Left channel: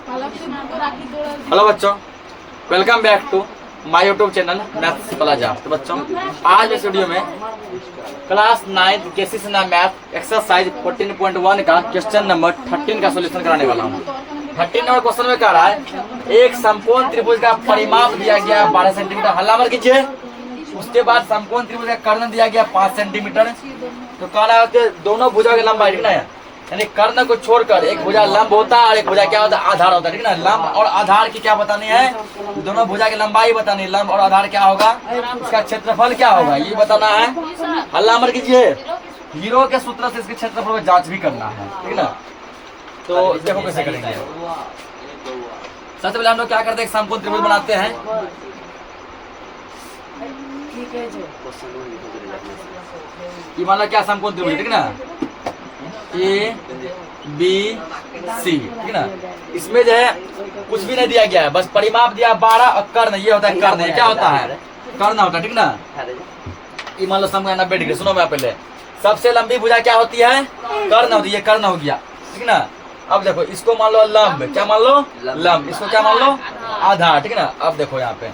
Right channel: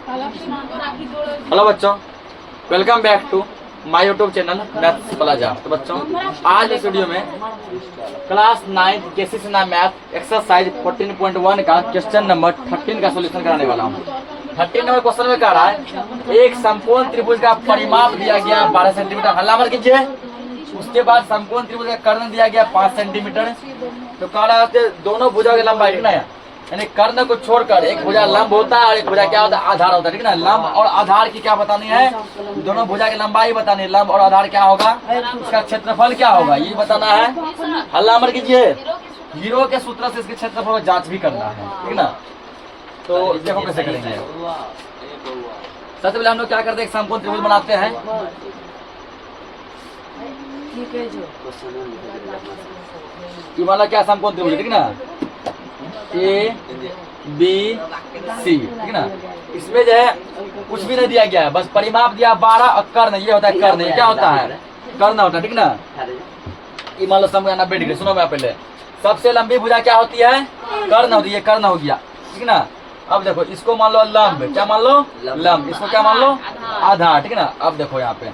Hello बच्चों, welcome back to my YouTube channel maths plaza. तो बच्चों, आज इस वीडियो में क्लास 9 केसीसी ना मैथ एक्सरसाइज 14.1 का क्वेश्चन नंबर 13 का सॉल्यूशन कराने वाला हूँ। 13 नंबर क्वेश्चन में कह रहा है एक समकोण त्रिभुज का परिमाप दिया गया 12 सेंटीमीटर, हल्ला कीजिए। उसके बाद समकोण त्रिभुज का कर्ण दिया गया 5 सेंटीमीटर। तो कह रहा है दोनों भुजा की लंबाई, ठीक ना, यानी कर्ण को छोड़कर एक भुजा लंब होता है और एक भुजा क्या होता है, आधार होता है, ठीक ना। लंब और आधार की क्या बतानी है, दोनों भुजा की लंबाई बतानी है। लंब और आधार क्या होगा, इसका क्षेत्रफल क्या होगा, ये बताना है। हल्ला मत कीजिए। हीरो के सूत्र से इसके क्षेत्रफल को जांच भी करना है, ठीक ना। तो देखो कैसे करेंगे। सबसे पहले हम लोग क्या करते हैं, समकोण त्रिभुज बनाते हैं। ये मान लो क्या समकोण त्रिभुज, ठीक ना, ए बी सी, ठीक ना। इसमें जो है कुछ भी नहीं दिया गया है, बस परिमाप दिया 12 और कर्ण, ये होता है कर्ण। क्या होता है, कर्ण होता है, ठीक ना। ये मान लो समकोण 90 डिग्री। सुनो मैं पहले, सबसे लंबी भुजा क्या होती है, कर्ण होती है। ये कर्ण हो गया, ठीक ना। अब देखो इसको मान लो लंब, क्या मान लो लंब, इसको क्या मान लो आधार, ठीक ना। अब देखो यहाँ पे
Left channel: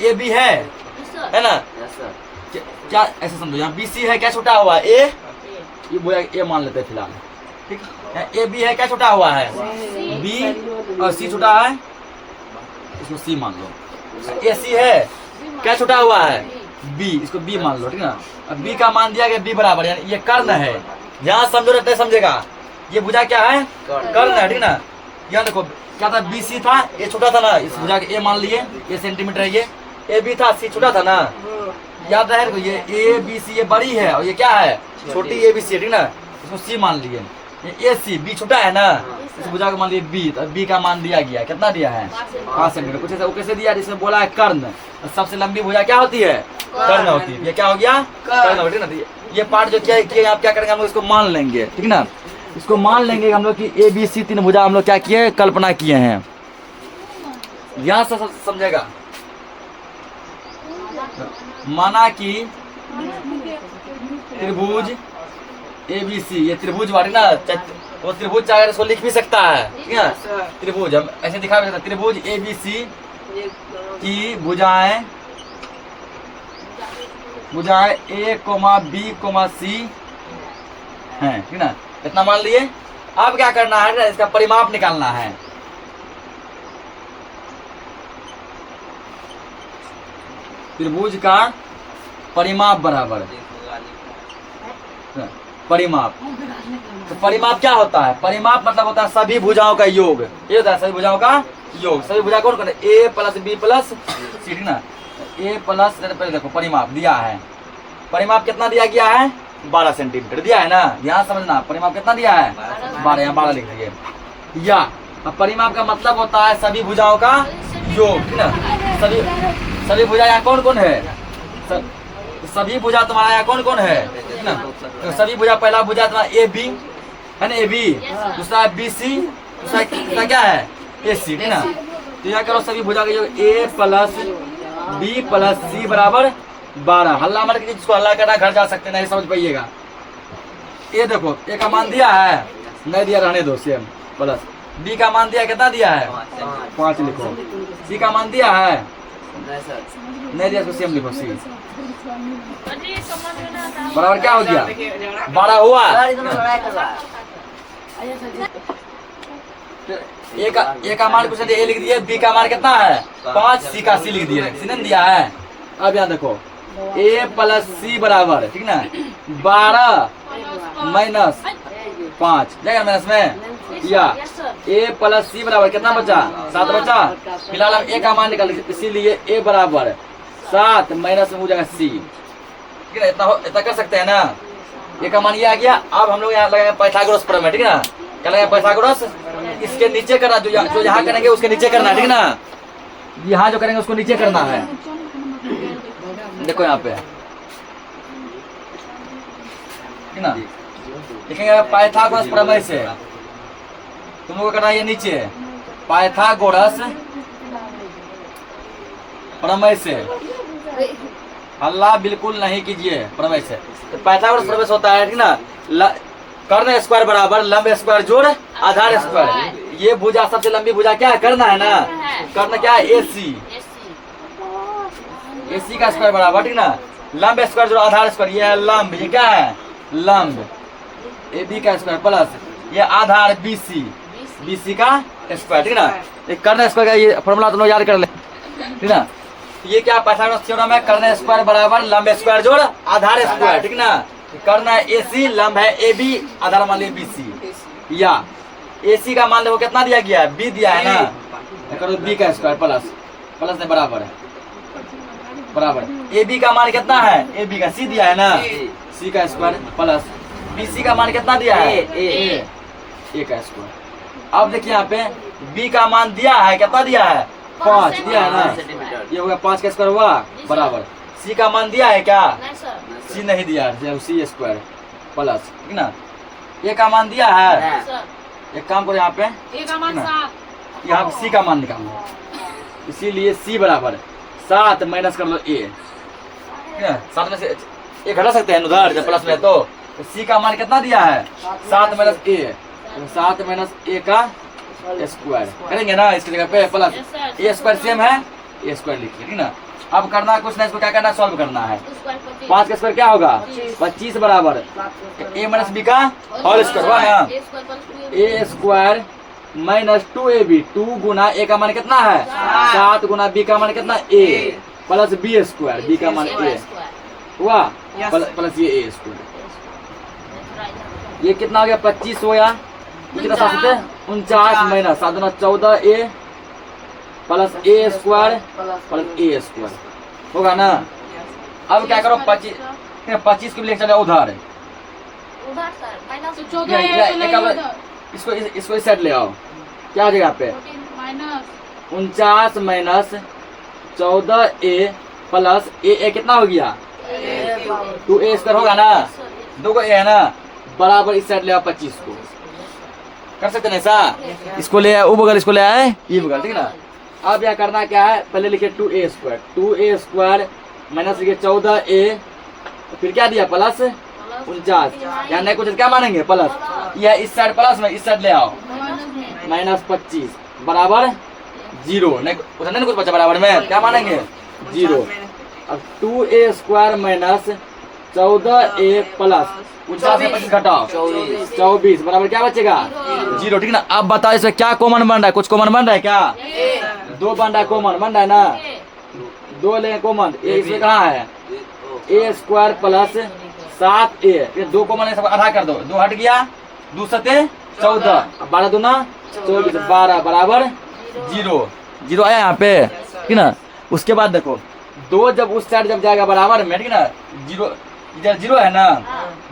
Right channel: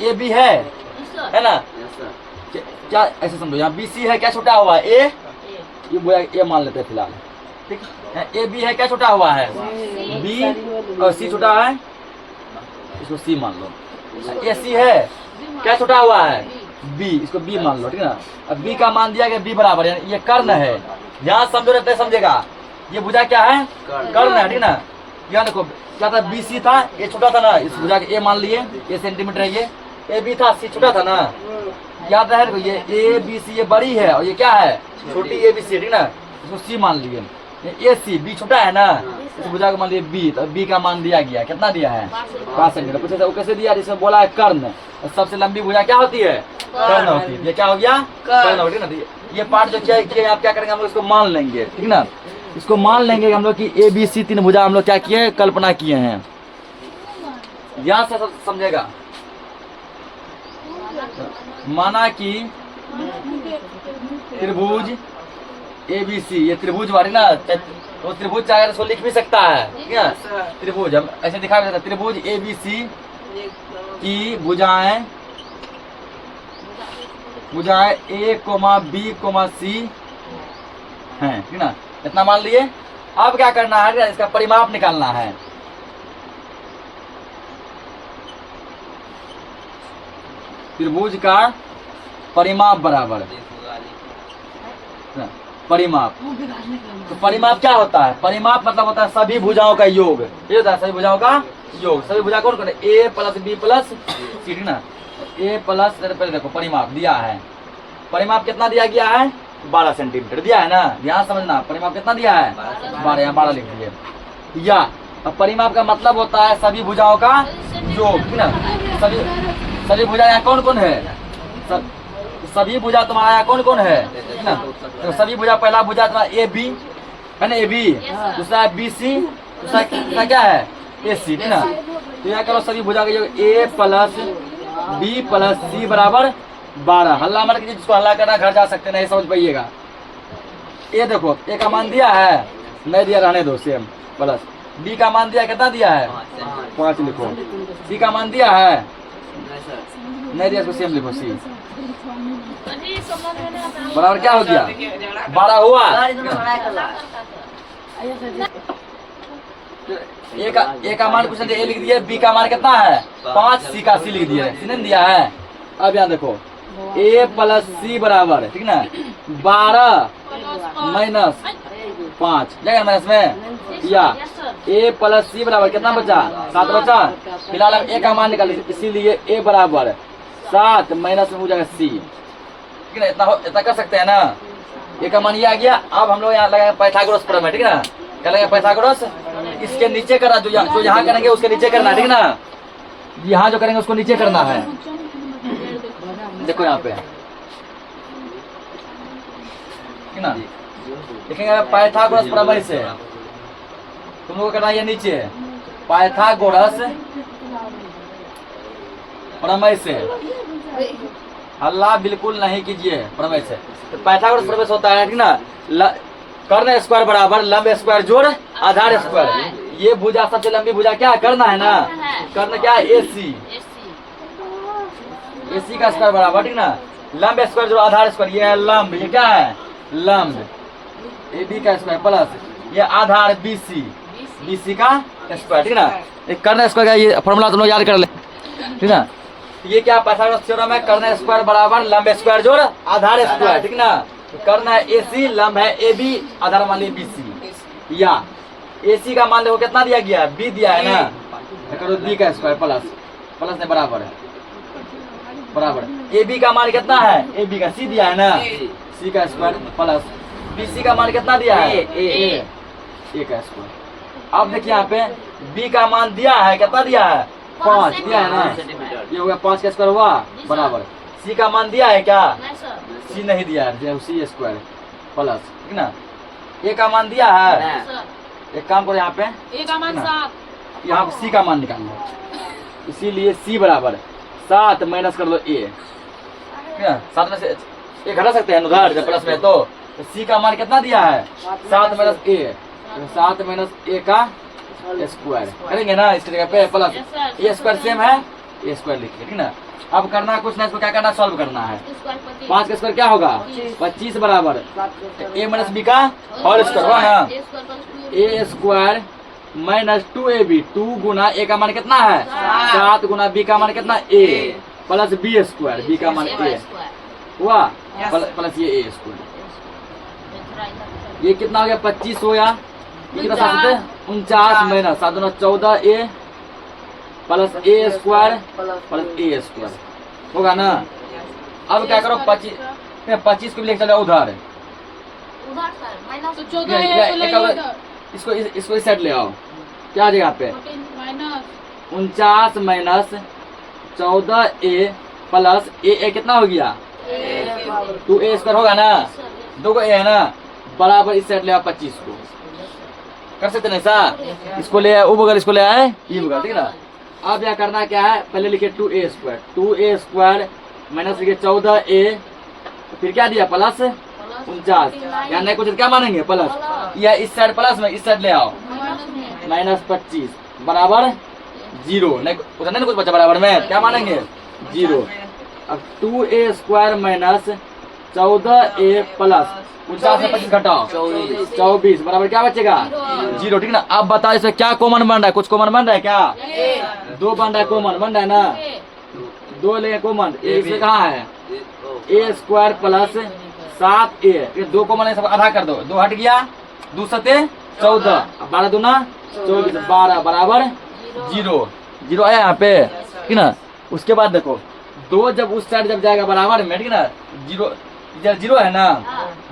ए बी है ना, क्या ऐसे समझो, यहाँ बी सी है, क्या छुटा हुआ है ए, ये मान लेते हैं फिलहाल, ठीक है। ए बी है, क्या छुटा हुआ है बी, और सी छुटा है, इसको सी मान लो। ए सी है, क्या छुटा हुआ है बी, इसको बी मान लो, ठीक है ना। अब बी का मान दिया गया बी बराबर, यानी ये कर्ण है। यहाँ समझो रहते समझेगा, ये भुजा क्या है, कर्ण है, ठीक ना। यहाँ देखो क्या था, बी सी था, ये छोटा था ना, इस भुजा के ए मान लिए, ये सेंटीमीटर है, ये ए बी था, सी छोटा था ना, याद रहे। ये ए बी सी ये बड़ी है और ये क्या है, छोटी ए बी सी, ठीक ना। इसको सी मान लिए। ये ए सी बी छोटा है ना, इस भुजा को मान लिए बी, तो बी का मान दिया गया, कितना दिया है 5 सेंटीमीटर। कुछ ऐसा वो कैसे दिया, जिसमें बोला है कर्ण। सबसे लंबी भुजा क्या होती है, कर्ण होती है। ये क्या हो गया, कर्ण होती है ना। ये पार्ट जो क्या किया, आप क्या करेंगे, हम लोग इसको मान लेंगे, ठीक ना। इसको मान लेंगे हम लोग की ए बी सी 3 भुजा हम लोग क्या किए, कल्पना किए हैं। यहाँ से समझेगा, माना कि त्रिभुज ए बी सी, ये त्रिभुज वाली ना, तो त्रिभुज चाहे इसको लिख भी सकता है, ठीक है। त्रिभुज हम ऐसे दिखा भी सकते हैं, त्रिभुज ए बी सी की भुजाएं ए कोमा बी कोमा सी हैं, ठीक ना। इतना मान लिए। अब क्या करना है, इसका परिमाप निकालना है। त्रिभुज का परिमाप बराबर परिमाप। तो परिमाप क्या होता है, परिमाप मतलब होता है सभी भुजाओं का योग। ये होता है सभी भुजाओं का योग। सभी भुजा कौन कौन है, ए प्लस बी प्लस सी, ठीक ना। ए प्लस, पहले देखो परिमाप दिया है, परिमाप कितना दिया गया है 12 सेंटीमीटर दिया है ना। यहाँ समझना, परिमाप कितना दिया है 12, यहाँ 12 लिख दिए। या परिमाप का मतलब होता है सभी भुजाओं का योग, ठीक ना। सभी भुजा यहाँ कौन कौन है, सभी भुजा तुम्हारा यहाँ कौन कौन है, ठीक ना। तो सभी भुजा, पहला भुजा तुम्हारा ए बी है ना, ए बी, दूसरा बी सी, दूसरा क्या है ए सी, ठीक ना। तो यहाँ करो सभी भुजा का योग ए प्लस बी प्लस सी बराबर 12। हल्ला मत कीजिए, जिसको हल्ला करना घर जा सकते, नहीं समझ पाइएगा। ये देखो ए का मान दिया है, नहीं दिया रहने दो, सेम। प्लस बी का मान दिया, कितना दिया है 5 लिखो। सी का मान दिया है, नहीं दिया, सेम लिखो सी बराबर क्या हो गया 12 हुआ। ए का मान कुछ नहीं, ए लिख दिए, बी का मान कितना है 5, सी का सी लिख दिए, सी नहीं दिया है। अब यहाँ देखो ए प्लस सी बराबर, ठीक ना, 12 माइनस 5 जाएगा माइनस में, या ए प्लस सी बराबर कितना बचा 7 बचा। फिलहाल हम ए का मान निकाल, इसीलिए ए बराबर 7 माइनस में हो जाएगा सी, ठीक है। इतना कर सकते हैं ना। ए का मान ये आ गया। अब हम लोग यहाँ लगाएंगे पाइथागोरस प्रमेय, ठीक है ना। क्या लगेगा पाइथागोरस, इसके नीचे करना, जो यहाँ करेंगे उसके नीचे करना, ठीक ना। यहाँ जो करेंगे उसको नीचे करना है। देखो यहाँ पे, ठीक ना, देखेंगे पाइथागोरस प्रमेय से तुम लोग करना, ये नीचे पाइथागोरस प्रमेय से। हल्ला बिल्कुल नहीं कीजिए प्रमेय से। तो पाइथागोरस प्रमेय होता है, ठीक ना, कर्ण स्क्वायर बराबर लंब स्क्वायर जोड़ आधार स्क्वायर। ये भुजा सबसे लंबी भुजा क्या है? कर्ण है ना, कर्ण क्या है? AC। AC का स्क्वायर बराबर, ठीक ना, लंब स्क्वायर जो आधार स्क्वायर, ये है लंब, ये क्या है? लंब। AB का स्क्वायर प्लस ये आधार BC का स्क्वायर, ठीक ना। ये कर्ण स्क्वायर का ये फॉर्मूला तुम लोग याद कर ले, ठीक ना। ये क्या पाइथागोरस थ्योरम है? कर्ण स्क्वायर बराबर लंब स्क्वायर जोड़ आधार स्क्वायर, ठीक ना। कर्ण है AC, लंब है AB, आधार मान लिया BC। या AC का मान देखो कितना दिया गया है? B दिया है ना, करो B का स्क्वायर प्लस ने बराबर है, बराबर। AB का मान कितना है? AB का C दिया है ना, C का स्क्वायर प्लस BC का मान कितना दिया है? A का स्क्वायर। अब देखिए यहाँ पे B का मान दिया है, कितना दिया है? 5 दिया है ना, ये हो गया 5 का स्क्वायर हुआ बराबर। C का मान दिया है क्या? C नहीं दिया है, C स्क्वायर प्लस, ठीक ना। A का मान दिया है, एक काम करो यहाँ पे यहाँ पे C का मान निकालो, इसीलिए C बराबर 7 माइनस कर लो A, 7 में से एक घटा सकते हैं उधर जब प्लस में, तो C का मान कितना दिया है? 7 माइनस A, 7 माइनस A का स्क्वायर करेंगे ना इसकी जगह पे, प्लस A स्क्वायर सेम है, A स्क्वायर लिखिए, ठीक ना। अब करना कुछ ना, इसको क्या करना? सॉल्व करना है। 5 का स्क्वायर क्या होगा? 25 बराबर A माइनस B का होल स्क्वायर हुआ ना, A square minus 2AB, 2 Guna A का मान कितना है? 7 गुना B का मान कितना? A plus B square, B का मान A हुआ प्लस ये A स्क्वायर। ये कितना हो गया? 25 होया, ये कितना 49 minus 7 Guna 14A plus A square plus A square होगा ना। अब क्या करो? 25 को भी लेके चलो उधर, इसको इस साइड ले आओ, क्या आ जाएगा पे? 49 माइनस 14A प्लस A कितना हो गया? 2A स्क्वायर होगा ना, 2 को A है ना, बराबर इस साइड ले आओ 25 को, कर सकते ना ऐसा। इसको ले आए वो बगल, इसको ले आए ये बगल, ठीक ना। अब यह करना क्या है? पहले लिखे 2A स्क्वायर माइनस लिखे 14A, तो फिर क्या दिया? प्लस 49, यहाँ नहीं कुछ क्या मानेंगे? प्लस। यह इस साइड प्लस में इस साइड ले आओ, माइनस 25 बराबर 0, नहीं उधर नहीं कुछ बचा बराबर में, क्या मानेंगे? 0। अब 2A square minus 14A plus 49 में 25 घटाओ 24 बराबर क्या बचेगा? 0, ठीक ना। अब बताओ इसमें क्या कॉमन बन रहा है? कुछ कॉमन बन रहा है क्या? 2 बन रहा है, कॉमन बन रहा है ना, 2 ले कॉमन, इसमें कहाँ है? A स्क्वायर प्लस 7A, ये 2 कॉमन है, सब आधा कर दो, 2 हट गया, 2 सते 14, 12 दूना 24, 12 बराबर 0 आया यहाँ पे, ठीक ना। उसके बाद देखो 2 जब उस साइड जब जाएगा बराबर में, ठीक ना, 0 इधर 0 है ना,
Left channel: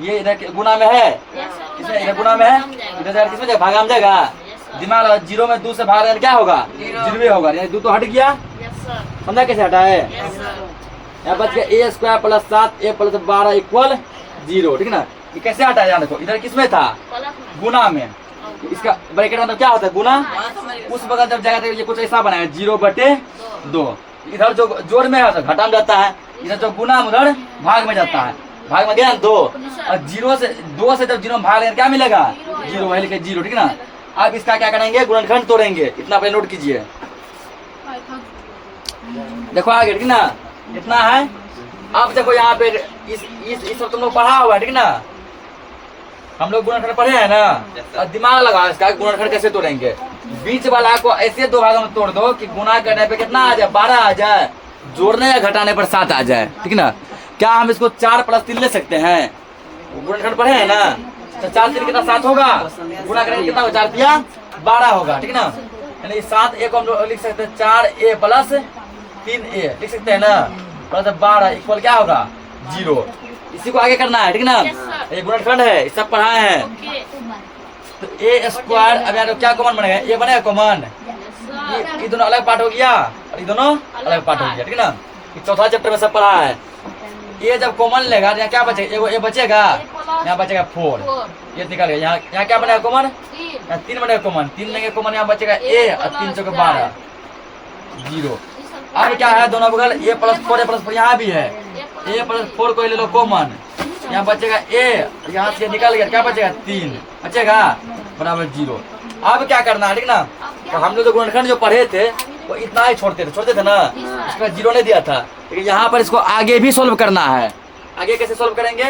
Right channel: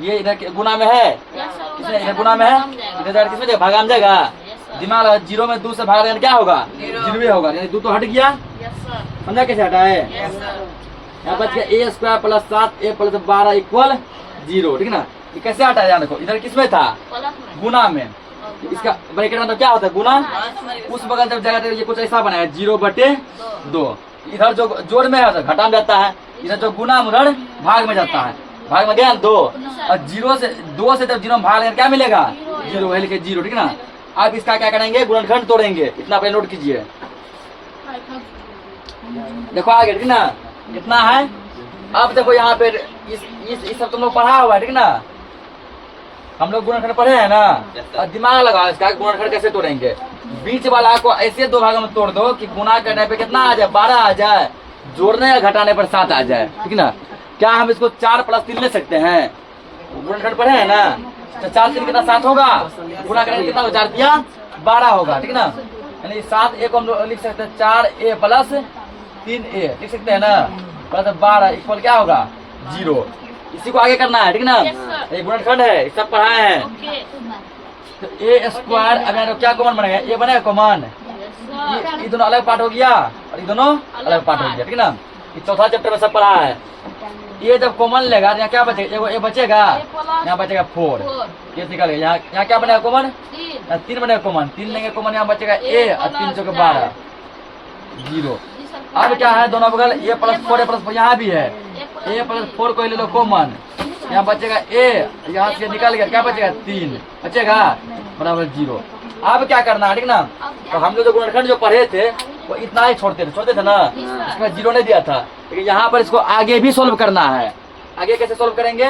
ये इधर गुना में है, किसमें? इधर गुना में है, इधर जाकर किसमें भागा में जाएगा? दिमाग लगा, 0 में 2 से भाग रहे क्या होगा? 0 होगा, यानी 2 तो हट गया, समझा कैसे हटा है? यहाँ बच गया A square plus 7A plus 12 equal 0, ठीक ना। ये कैसे हटा है? देखो इधर किसमें था? गुना में, इसका ब्रैकेट मतलब क्या होता है? गुना। उस बगल जब जाएगा तो ये कुछ ऐसा बनाया 0/2, इधर जो जोड़ में है घटा में जाता है, इधर जो गुना उधर भाग में जाता है, भाग में गया 2, और 2 से जब 0 में भाग लेंगे क्या मिलेगा? 0 है, लिखे 0, ठीक ना। अब इसका क्या करेंगे? गुणनखंड तोड़ेंगे, इतना पहले नोट कीजिए। देखो आगे, ठीक ना, कितना है? अब देखो यहाँ पे इस सब तुम लोग पढ़ा हुआ है, ठीक ना, हम लोग गुणनखंड पढ़े हैं ना, और दिमाग लगाओ इसका गुणनखंड कैसे तोड़ेंगे। बीच वाला को ऐसे 2 भागों में तोड़ दो कि गुना करने पे कितना आ जाए? 12 आ जाए, जोड़ने या घटाने पर 7 आ जाए, ठीक ना। क्या हम इसको 4 + 3 ले सकते हैं? गुणनखंड पढ़े हैं ना, तो 4 3 कितना? 7 होगा, गुणा करेंगे कितना होगा? 4 दिया 12 होगा, ठीक ना। यानी 7A को हम लोग लिख सकते हैं 4A प्लस 3A लिख सकते हैं ना, प्लस 12 इक्वल क्या होगा? 0। इसी को आगे करना है, ठीक ना। ये गुणनखंड है, सब पढ़ाए हैं। तो A स्क्वायर, अब यहाँ क्या कॉमन बनेगा? ये बनेगा कॉमन, ये दोनों अलग पार्ट हो गया और ये दोनों अलग पार्ट हो गया, ठीक ना। ये चौथा चैप्टर में सब पढ़ा है। ये जब कॉमन लेगा यहाँ क्या बचेगा? ये बचेगा, यहाँ बचेगा 4, ये निकालेगा, यहाँ क्या बनेगा कॉमन? यहाँ 3 बनेगा कॉमन, 3 लेंगे कॉमन, यहाँ बचेगा A और 3 चौके 12, 0। अब क्या है? दोनों बगल A + 4 A + 4 यहाँ भी है, A + 4 को ले लो कॉमन, यहाँ बचेगा A, यहाँ से निकल गया क्या बचेगा? 3 बचेगा बराबर 0। अब क्या करना है, ठीक ना। तो हम लोग जो गुणनखंड जो पढ़े थे वो इतना ही छोड़ते थे ना, इसमें जीरो नहीं दिया था। लेकिन यहाँ पर इसको आगे भी सोल्व करना है। आगे कैसे सोल्व करेंगे,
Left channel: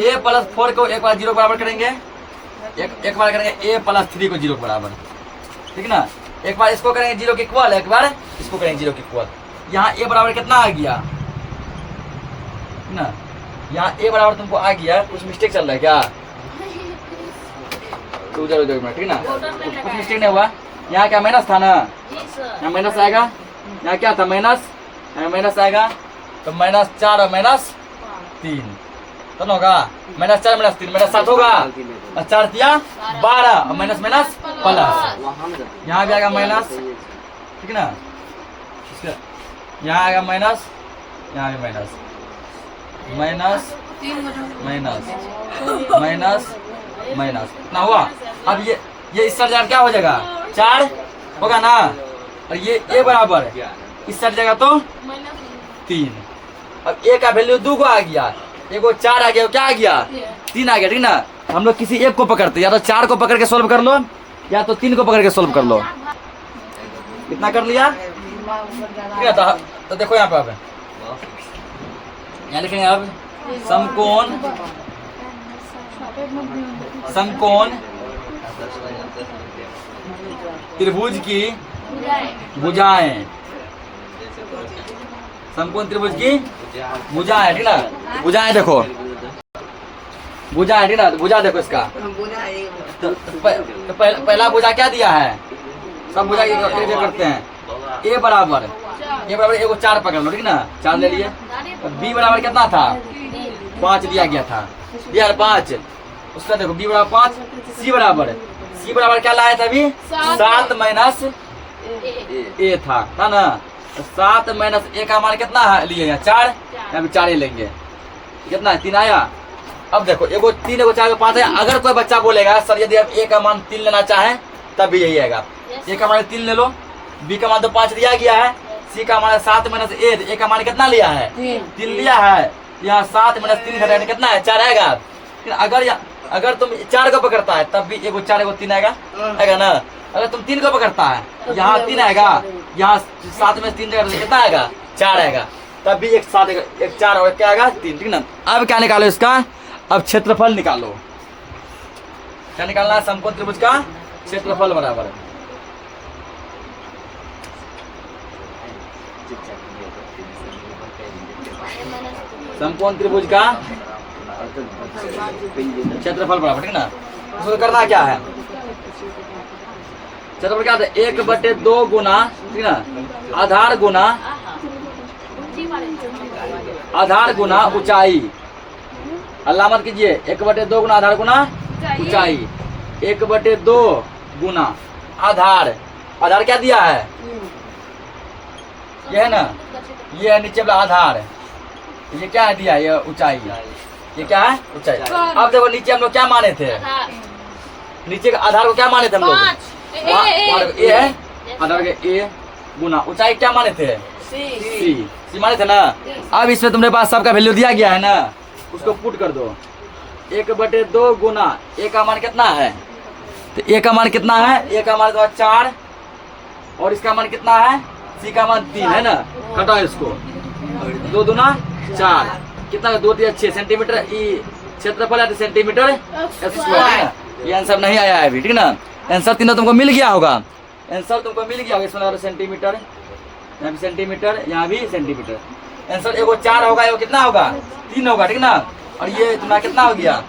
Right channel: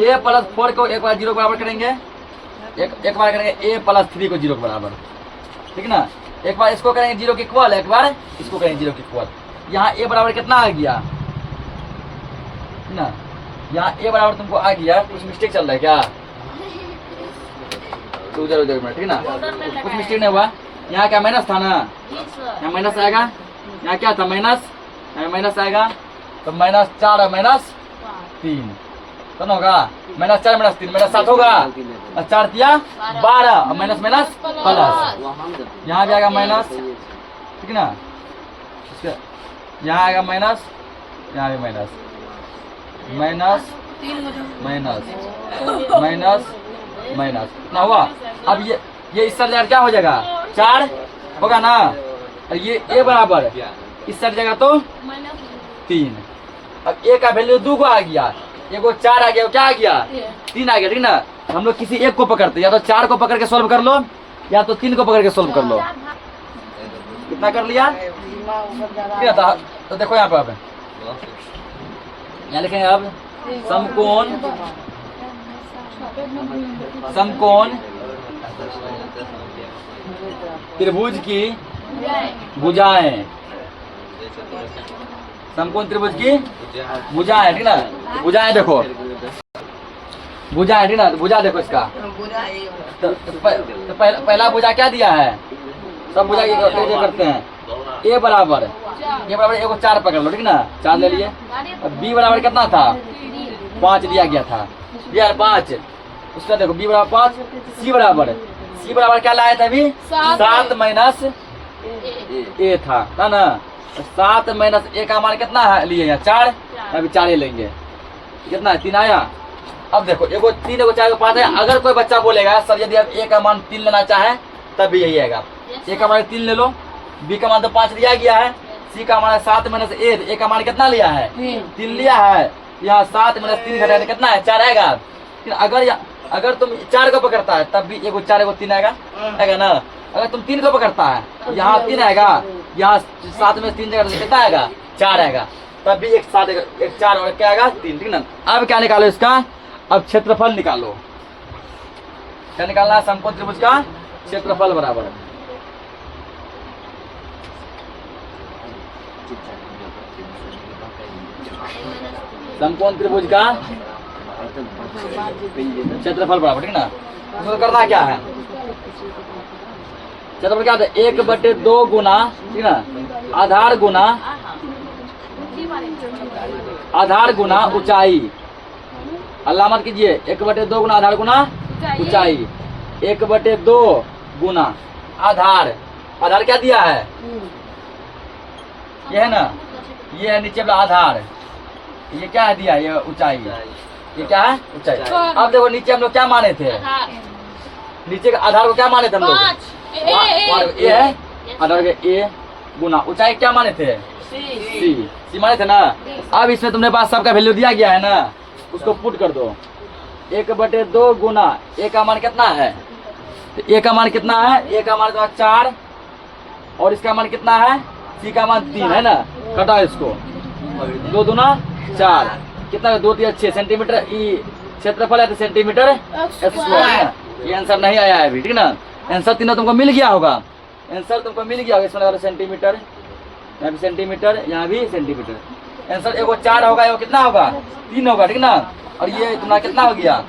ए प्लस 4 को एक बार 0 के बराबर करेंगे, एक बार करेंगे ए प्लस 3 को 0 के बराबर, ठीक ना। एक बार इसको करेंगे 0 के इक्वल, एक बार इसको करेंगे 0 के इक्वल। यहाँ ए बराबर कितना आ गया, ठीक ना। यहाँ ए बराबर तुमको आ गया, कुछ मिस्टेक चल रहा है क्या, उधर मिनट, ठीक ना। कुछ मिस्टेक नहीं हुआ। यहाँ क्या माइनस था ना, यहाँ माइनस आएगा, यहाँ क्या था माइनस, यहाँ माइनस आएगा, तो -4 और -3 तो होगा, -4 -3 -7 होगा, और 4 दिया 12 और माइनस माइनस प्लस, यहाँ भी आएगा माइनस, ठीक ना। यहाँ आएगा माइनस, यहाँ भी minus minus minus minus minus ना हुआ। अब ये इस साइड क्या हो जाएगा, 4 होगा ना, और ये ए बराबर इस साइड जाएगा तो 3। अब ए का वैल्यू 2 को आ गया, एगो 4 आ गया, क्या आ गया 3 आ गया, ठीक ना। हम लोग किसी एक को पकड़ते, या तो 4 को पकड़ के सोल्व कर लो, या तो 3 को पकड़ के सोल्व कर लो। कितना कर लिया, ठीक है। तो देखो यहाँ पे आप यहाँ लिखेंगे अब समकोण त्रिभुज की भुजाएं, समकोण त्रिभुज की भुजाएं, ठीक ना। भुजाएं देखो, भुजा, ठीक ना। भुजा देखो इसका, तो पहला भुजा क्या दिया है, सब भुजा जो करते हैं, ए बराबर एगो 4 पकड़ लो, ठीक ना, 4 ले लिए। बी बराबर कितना था, 5 दिया गया था, दिया 5। उसका देखो बी बराबर 5, सी बराबर क्या लाया था अभी, 7 माइनस ए था ना। 7 माइनस ए का मान कितना है लिए, यहाँ 4, अभी 4 ही लेंगे, कितना है 3 आया। अब देखो एगो 3 एगो 4 एगो 5 है। अगर कोई बच्चा बोलेगा सर यदि आप ए का मान 3 लेना चाहें तब भी यही आएगा, ए का मान 3 ले लो, बी का मान तो 5 दिया गया है, सी का मान 7 माइनस ए का मान कितना लिया है 3 लिया है। यहाँ 7 माइनस 3 घटाने कितना है 4 आएगा। अगर तुम 4 को पकड़ता है तब भी एगो 4 एगो 3 आएगा ना। अगर तुम 3 को पकड़ता है तो यहाँ 3 आएगा, यहाँ 7 में 3 जगह कितना आएगा 4 आएगा, तब भी एक 7 एक 4 और क्या आएगा 3, ठीक ना। अब क्या निकालो इसका, अब क्षेत्रफल निकालो। क्या निकालना है, समकोण त्रिभुज का क्षेत्रफल बराबर समकोण त्रिभुज का क्षेत्रफल बराबर, ठीक ना। उसको करना क्या है, क्षेत्रफल क्या होता है 1/2 गुना, ठीक ना, आधार गुना ऊंचाई। अल्लाह मत कीजिए, 1/2 गुना आधार गुना ऊंचाई, 1/2 गुना आधार क्या दिया है, ये है ना, ये है नीचे वाला आधार, ये क्या है दिया, ये ऊंचाई, ये क्या है ऊंचाई। अब देखो नीचे हम लोग क्या माने थे, नीचे के आधार को क्या माने थे हम लोग, ए है आधार के ए गुना ऊंचाई क्या माने थे, सी माने थे ना। अब इसमें तुमने पास सबका वैल्यू दिया गया है ना, उसको पुट कर दो। 1/2 गुना ए का मान कितना है, तो ए का मान कितना है, ए का मान तो 4 और इसका मान कितना है, सी का मान 3 है ना। घटाओ इसको, 2 दूना 4, कितना 2 3 6 सेंटीमीटर ई क्षेत्रफल है, तो सेंटीमीटर स्क्वायर। ये आंसर नहीं आया है अभी, ठीक ना। आंसर तीनों तुमको मिल गया होगा, आंसर तुमको मिल गया होगा। इसमें लगा सेंटीमीटर, यहाँ भी सेंटीमीटर, यहाँ भी सेंटीमीटर। आंसर एगो 4 होगा, एगो कितना होगा 3 होगा, ठीक ना। और ये तुम्हारा कितना हो गया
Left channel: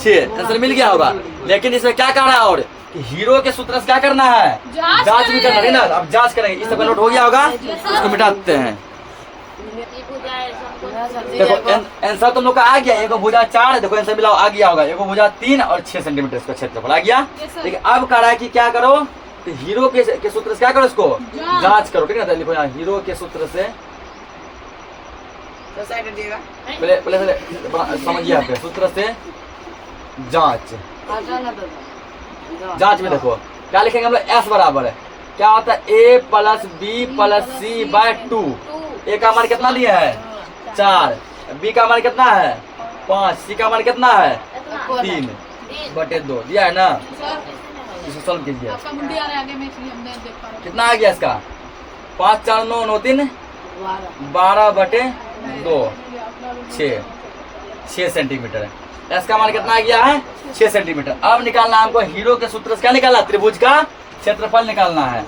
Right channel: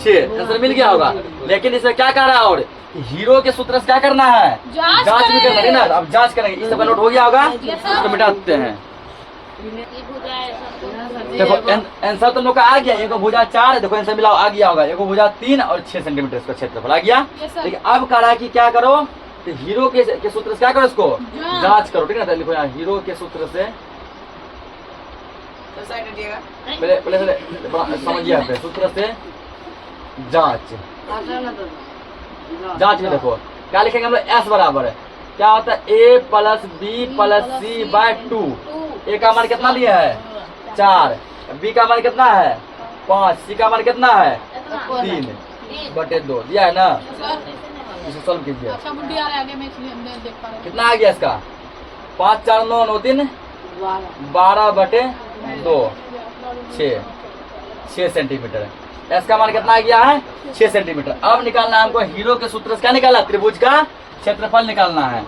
6, आंसर मिल गया होगा। लेकिन इसमें क्या करना है, और हीरो के सूत्र से क्या करना है, जांच भी करना है ना। अब जांच करेंगे, इस सब नोट हो गया होगा, इसको मिटा देते हैं। देखो आंसर तुम लोग का आ गया, एगो भुजा 4, देखो आंसर मिला आ गया होगा, एगो भुजा 3 और 6 सेंटीमीटर इसका क्षेत्रफल आ गया। लेकिन अब कह रहा है कि क्या करो, तो हीरो के सूत्र से क्या करो, इसको जांच करो, ठीक है ना। लिखो यहाँ हीरो के सूत्र से, पहले समझिए, सूत्र से जांच में देखो क्या लिखेंगे हम लोग, एस बराबर है क्या होता है, ए प्लस बी प्लस सी बाय 2। ए का मान कितना लिया है 4, बी का मान कितना है 5, सी का मान कितना है 3, बटे 2 दिया है ना, सर इसे सॉल्व कीजिए। आपका मुंडी आ रहा है आगे, मैं इसलिए मैं देख पा रहा हूँ। कितना आ गया इसका? 5 4 9 9 3 12 बटे 2 6 सेंटीमीटर। इसका मान कितना आ गया है? 6 सेंटीमीटर। अब निकालना है हमको हीरो के सूत्र से, क्या निकालना? त्रिभुज का क्षेत्रफल निकालना है।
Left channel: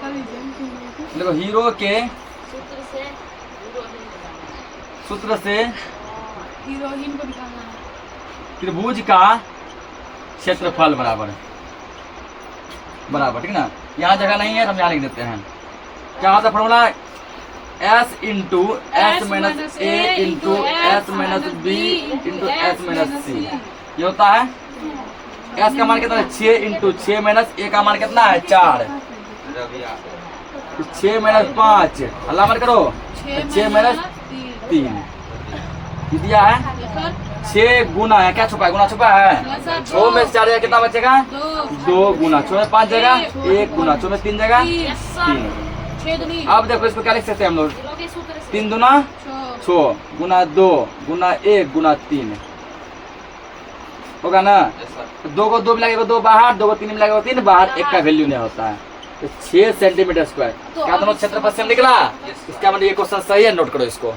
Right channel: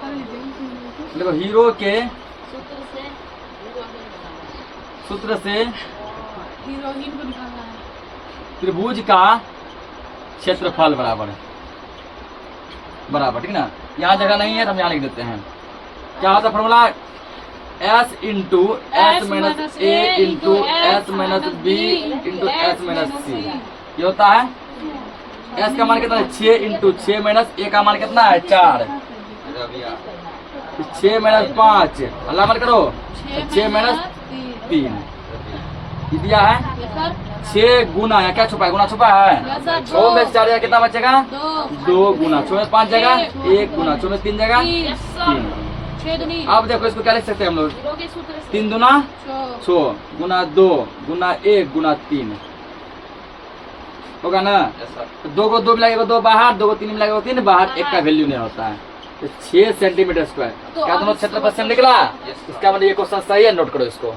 देखो हीरो के सूत्र से हीरोइन को दिखाना है। त्रिभुज का क्षेत्रफल बराबर बराबर, ठीक ना। यहाँ जगह नहीं है तो हम यहाँ लिख देते हैं। क्या होता है formula? S into S minus A into S minus B into S minus C. ये होता है S का मान कितना है? 6 इंटू 6 माइनस ए का मान कितना है? 4। 6 माइनस 5 अल्लाह मत करो, 6 माइनस 3 दिया है। सर 6 गुना है, क्या छुपा है? गुना छुपा है। 6 में 4 जगह कितना बचेगा? 2 गुना 6 में 5 जगह 1 गुना 6 में 3 जगह 3। 6 दूनी अब देखो इसको क्या लिख सकते हैं हम लोग? हीरो के सूत्र से 3 दूना 6 गुना 2 गुना 1 गुना 3 होगा ना। 2 को 2 में लगेगा 2 बाहर, 2 को 3 में लगेगा 3 बाहर, 1 का वैल्यू नहीं होता है। 6 सेंटीमीटर स्क्वायर क्या दोनों क्षेत्रफल से निकला? इसका मतलब ये क्वेश्चन सही है, नोट करो इसको।